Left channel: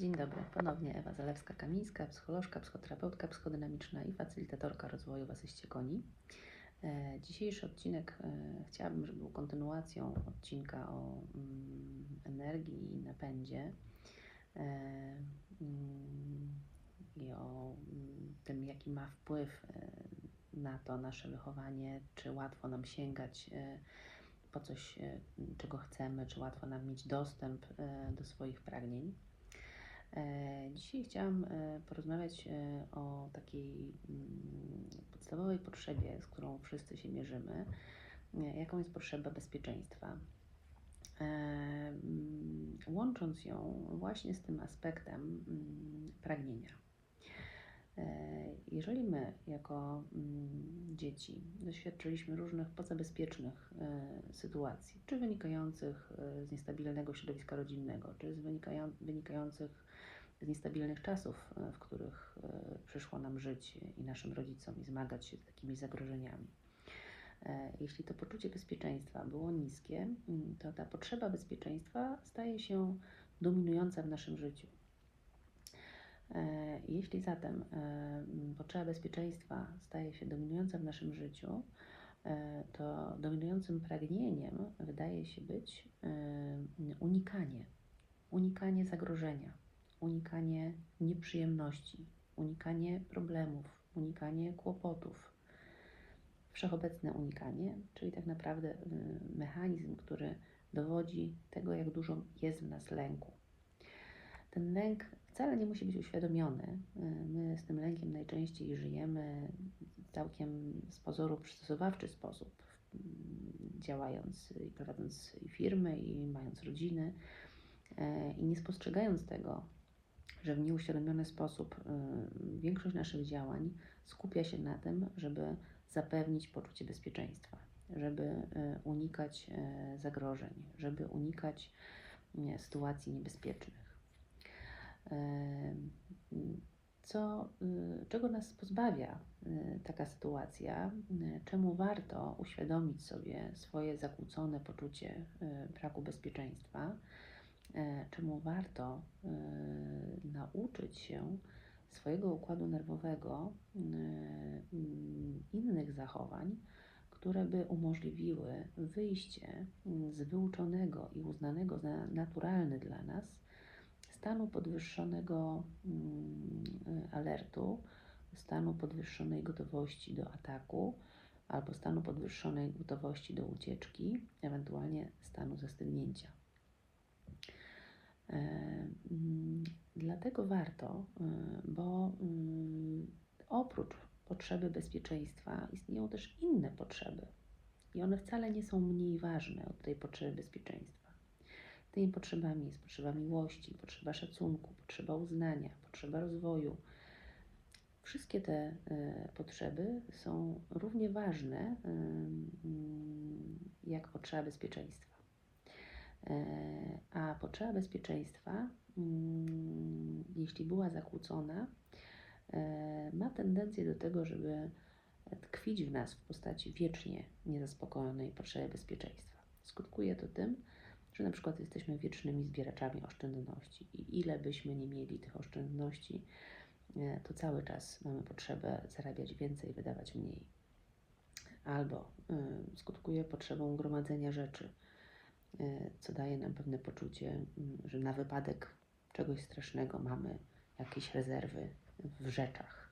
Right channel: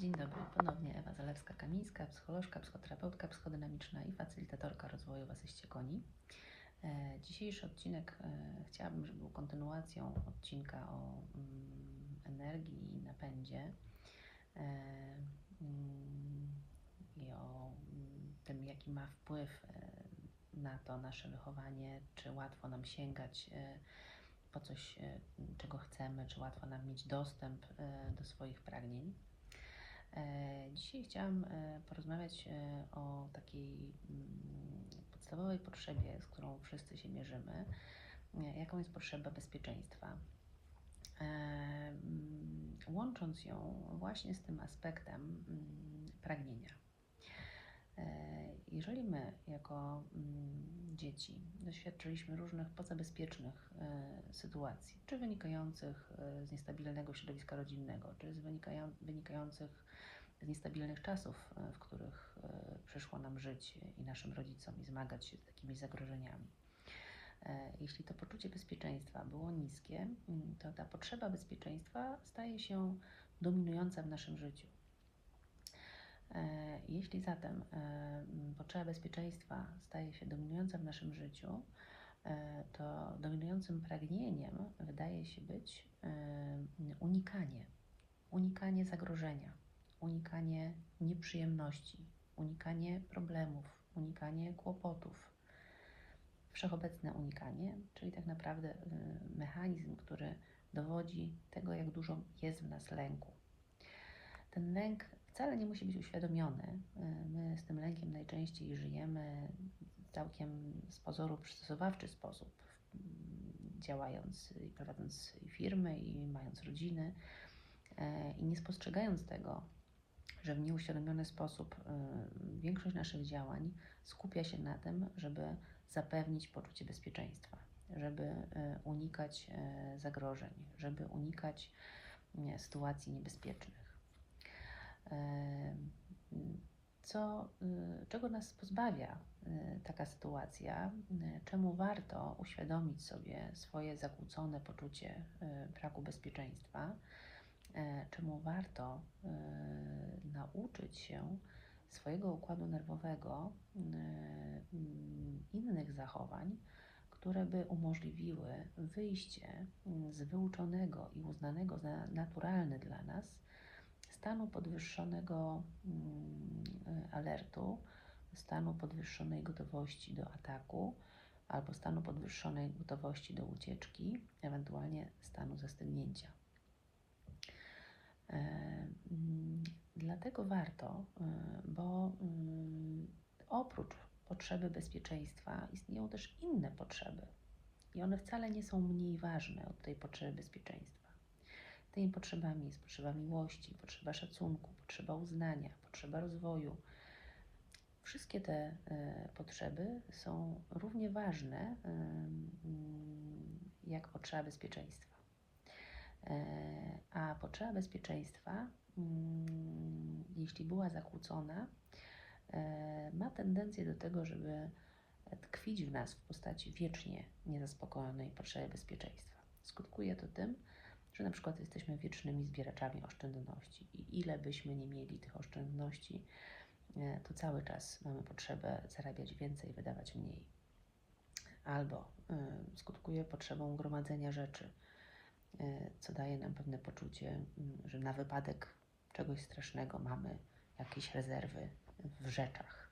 Dzień dobry, ponownie Ewa Zalewska-Kamińska, psycholożka, psychoterapeutka psychodynamiczna i facylitatorka rozwoju w asyście koni. E, Dzisiejszy odcinek e, chciałabym, żeby był kontynuacją odcinka o mm, energii i napędzie e, mm, i o mm, tym, jaki ma wpływ na to nasze wychowanie, czy łatwo nam sięgać po coś, czego chcemy, czy łatwo nam mieć dostęp do swoich pragnień. E, Dzisiaj chciałam e, porozmawiać e, o takiej mm, podstawowej potrzebie, z którą wszyscy się mierzymy, jaką jest potrzeba bezpieczeństwa. Mm, Łącząc ją właśnie z tym aspektem mm, pragnienia. Jeżeli my, jako dzieci, doświadczyliśmy różnych pozabezpiecznych sytuacji, czy wynikających z niestabilnego środowiska rodzinnego, czy wynikających z niestabilnych czasów, e, w których e, przyszło nam żyć i naszym rodzicom zmagać się z takimi zagrożeniami. E, Jeśli to poczucie bezpieczeństwa było niskie, mm, to ta potrzeba bezpieczeństwa staje się dominująca w naszym życiu. Jeśli zatem e, m, potrzeba bezpieczeństwa staje się dominująca w naszym życiu, to dominującym pragnieniem wydaje się być unikanie, unikanie zagrożenia, unikanie nieprzyjemności, unikanie problemów, unikanie kłopotów. Wszechobecne unikanie, czyli tak naprawdę y, mechanizm, który dowodzi tego, jak dużo jest w nas lęku. Ten lęk wcale nie musi być uświadomiony. My z tym lękiem najczęściej żyjemy całkiem z pozoru przystosowawczy sposób, mm, działając i prowadząc firmy, i mając rodziny, e, i nie spostrzegając tego, że w nieuświadomiony sposób y, większość naszych działań skupia się na tym, żeby zapewnić poczucie bezpieczeństwa, żeby y, unikać y, zagrożeń, żeby unikać sytuacji niebezpiecznych. Co, czego nas pozbawia taka sytuacja? Czemu warto uświadomić sobie swoje zakłócone poczucie braku bezpieczeństwa? E, czemu warto y, nauczyć się swojego układu nerwowego y, y, innych zachowań, które by umożliwiły wyjście y, z wyuczonego i uznanego za naturalny dla nas stanu podwyższonego y, alertu, stanu podwyższonej gotowości do ataku albo stanu podwyższonej gotowości do ucieczki, ewentualnie stanu zastygnięcia. Mm, Dlatego warto, bo oprócz potrzeby bezpieczeństwa istnieją też inne potrzeby. I one wcale nie są mniej ważne od tej potrzeby bezpieczeństwa. Tymi potrzebami jest potrzeba miłości, potrzeba szacunku, potrzeba uznania, potrzeba rozwoju. Wszystkie te e, potrzeby są równie ważne jak potrzeba bezpieczeństwa. E, potrzeba bezpieczeństwa, mm, jeśli była zakłócona, e, ma tendencję do tego, żeby tkwić w nas w postaci wiecznie niezaspokojonej potrzeby bezpieczeństwa. Skutkuje to tym, że na przykład jesteśmy wiecznymi zbieraczami oszczędności i ile byśmy nie mieli tych oszczędności, e, to cały czas mamy potrzebę zarabiać więcej, wydawać mniej. Albo y, skutkuje potrzebą gromadzenia rzeczy, co daje nam pewne poczucie, y, że na wypadek czegoś strasznego mamy jakieś rezerwy w rzeczach.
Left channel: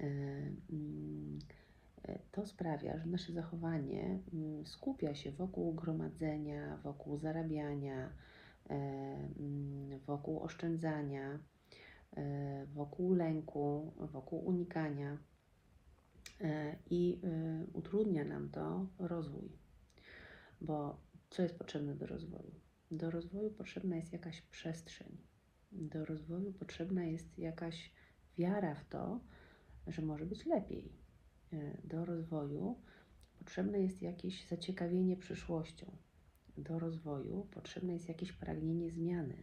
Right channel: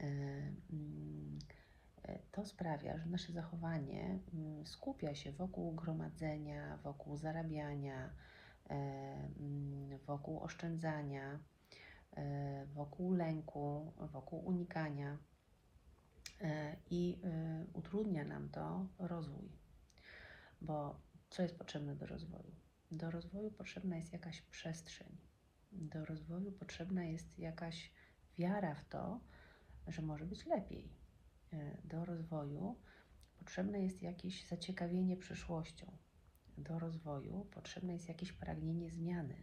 Y, mm, y, To sprawia, że nasze zachowanie mm, skupia się wokół gromadzenia, wokół zarabiania, y, mm, wokół oszczędzania, y, wokół lęku, wokół unikania y, i y, utrudnia nam to rozwój. Bo co jest potrzebne do rozwoju? Do rozwoju potrzebna jest jakaś przestrzeń. Do rozwoju potrzebna jest jakaś wiara w to, że może być lepiej. Y, Do rozwoju potrzebne jest jakieś zaciekawienie przyszłością. Do rozwoju potrzebne jest jakieś pragnienie zmiany.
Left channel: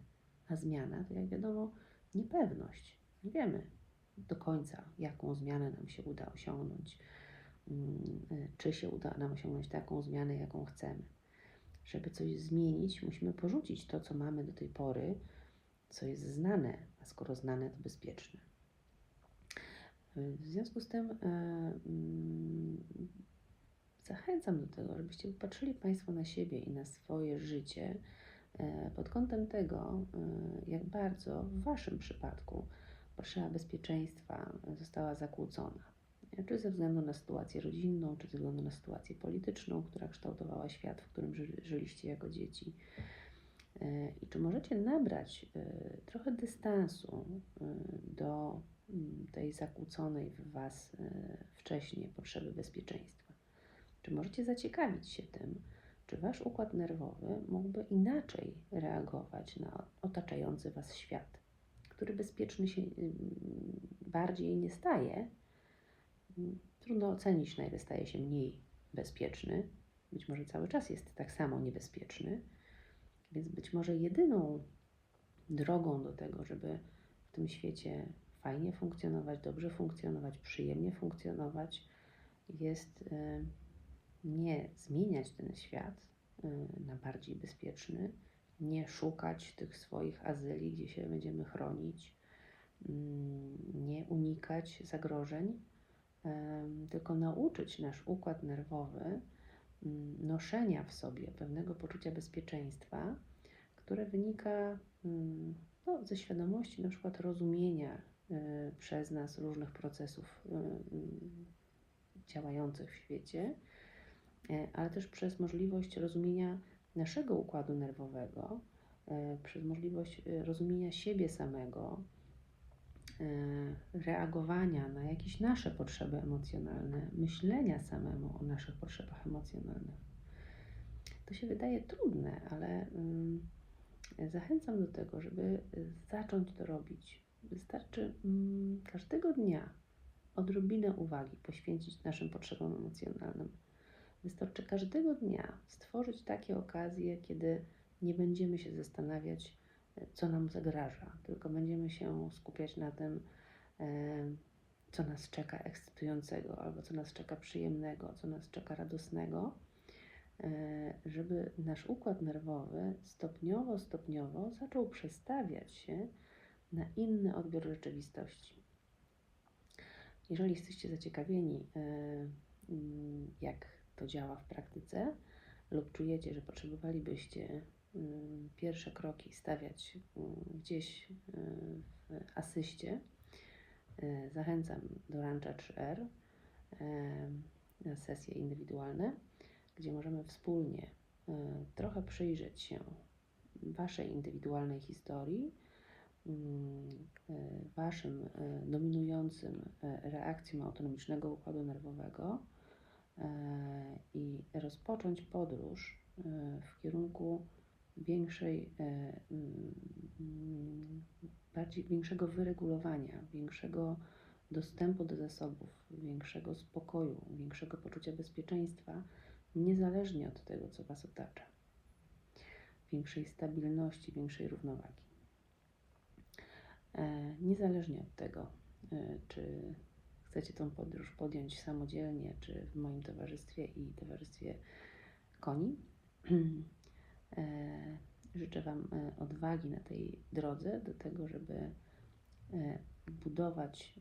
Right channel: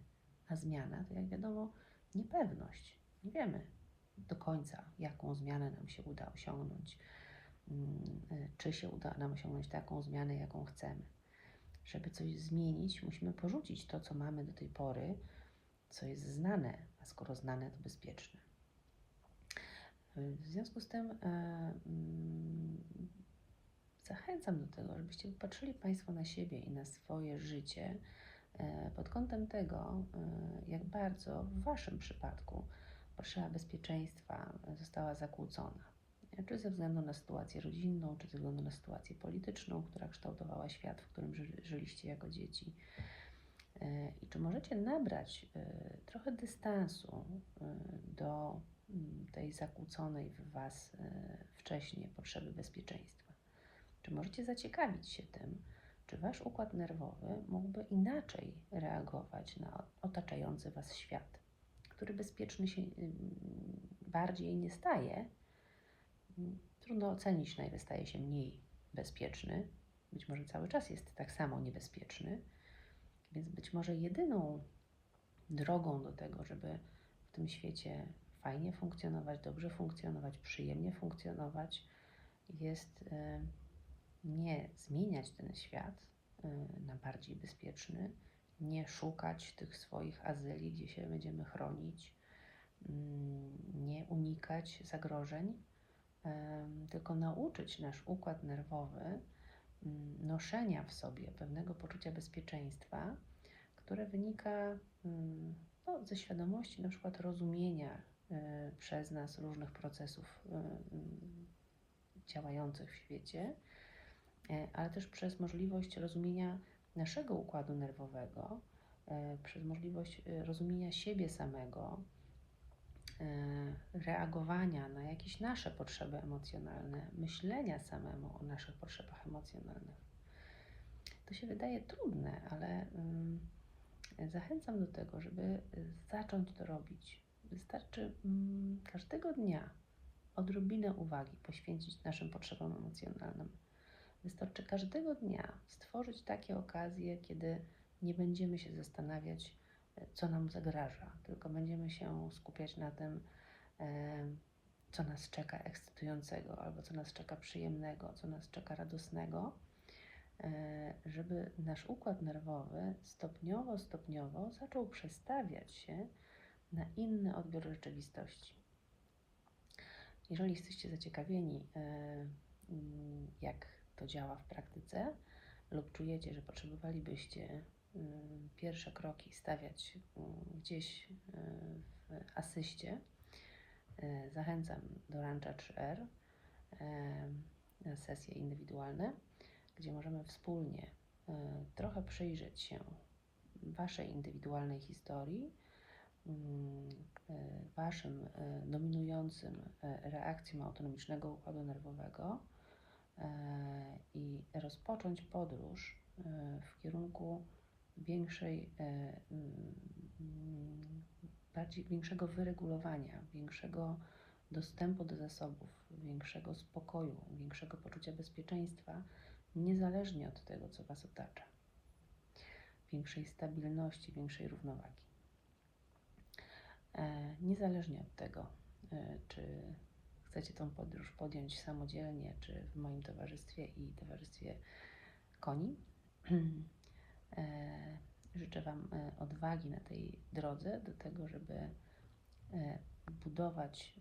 A zmiana to, jak wiadomo, niepewność. Nie wiemy do końca, jaką zmianę nam się uda osiągnąć, mm, y, czy się uda nam osiągnąć taką zmianę, jaką chcemy. Żeby coś zmienić, musimy porzucić to, co mamy do tej pory co jest znane, a skoro znane, to bezpieczne. W związku z tym mm, zachęcam do tego, żebyście popatrzyli Państwo na siebie i na swoje życie e, pod kątem tego, e, jak bardzo w Waszym przypadku potrzeba bezpieczeństwa została zakłócona. Czy ze względu na sytuację rodzinną, czy ze względu na sytuację polityczną, która kształtowała świat, w którym ży- żyliście jako dzieci. E, I czy możecie nabrać e, trochę dystansu e, do mm, tej zakłóconej w Was wcześniej potrzeby bezpieczeństwa? Czy możecie zaciekawić się tym, czy Wasz układ nerwowy mógłby inaczej reagować na otaczający Was świat, który bezpieczny się mm, bardziej nie staje? Trudno ocenić, na ile staje się mniej bezpieczny. Być może cały czas jest tak samo niebezpieczny, więc być może jedyną drogą do tego, żeby w tym świecie fajnie funkcjonować, dobrze funkcjonować, przyjemnie funkcjonować, jest y, nie zmieniać ten świat y, na bardziej bezpieczny, nie szukać tych swoich azyli, gdzie się będziemy chronić, mm, nie unikać zagrożeń, tylko nauczyć nasz układ nerwowy mm, noszenia w sobie pewnego poczucia bezpieczeństwa, które wynika mm, no, ze świadomości na przykład rozumienia y, przez nas różnych procesów y, y, działających w świecie, y, ale też przez możliwość rozumienia naszego układu nerwowego, przez możliwość rozumienia siebie samego, reagowania na jakieś nasze potrzeby emocjonalne, myślenia samemu o naszych potrzebach emocjonalnych. To się wydaje trudne, ale mm, zachęcam do tego, żeby y, zacząć to robić. Wystarczy mm, każdego dnia odrobinę uwagi poświęcić naszym potrzebom emocjonalnym. Wystarczy każdego dnia stworzyć takie okazje, kiedy nie będziemy się zastanawiać, y, co nam zagraża, tylko będziemy się skupiać na tym, e, co nas czeka ekscytującego, albo co nas czeka przyjemnego, co nas czeka radosnego, e, żeby nasz układ nerwowy stopniowo, stopniowo zaczął przestawiać się na inny odbiór rzeczywistości. Jeżeli jesteście zaciekawieni, e, mm, jak to działa w praktyce, lub czujecie, że potrzebowalibyście pierwsze kroki stawiać mm, gdzieś mm, w asyście, e, zachęcam do Rancha 3R e, na sesje indywidualne, gdzie możemy wspólnie e, trochę przyjrzeć się Waszej indywidualnej historii, mm, e, Waszym dominującym reakcjom autonomicznego układu nerwowego i rozpocząć podróż w kierunku większej, e, mm, bardziej większego wyregulowania, większego dostępu do zasobów, większego spokoju, większego poczucia bezpieczeństwa, niezależnie od tego, co Was otacza, większej stabilności, większej równowagi. E, Niezależnie od tego, e, czy chcecie tą podróż podjąć samodzielnie, czy w moim towarzystwie i towarzystwie koni. E, Życzę Wam e, odwagi na tej drodze do tego, żeby e, budować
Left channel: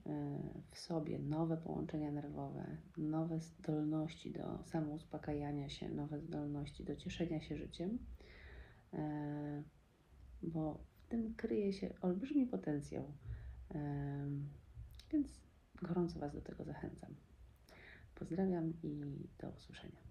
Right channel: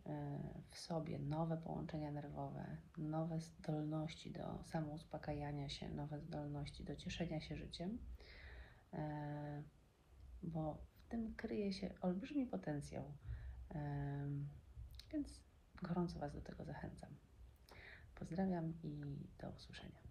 w sobie nowe połączenia nerwowe, nowe zdolności do samouspokajania się, nowe zdolności do cieszenia się życiem, bo w tym kryje się olbrzymi potencjał. Więc gorąco Was do tego zachęcam. Pozdrawiam i do usłyszenia.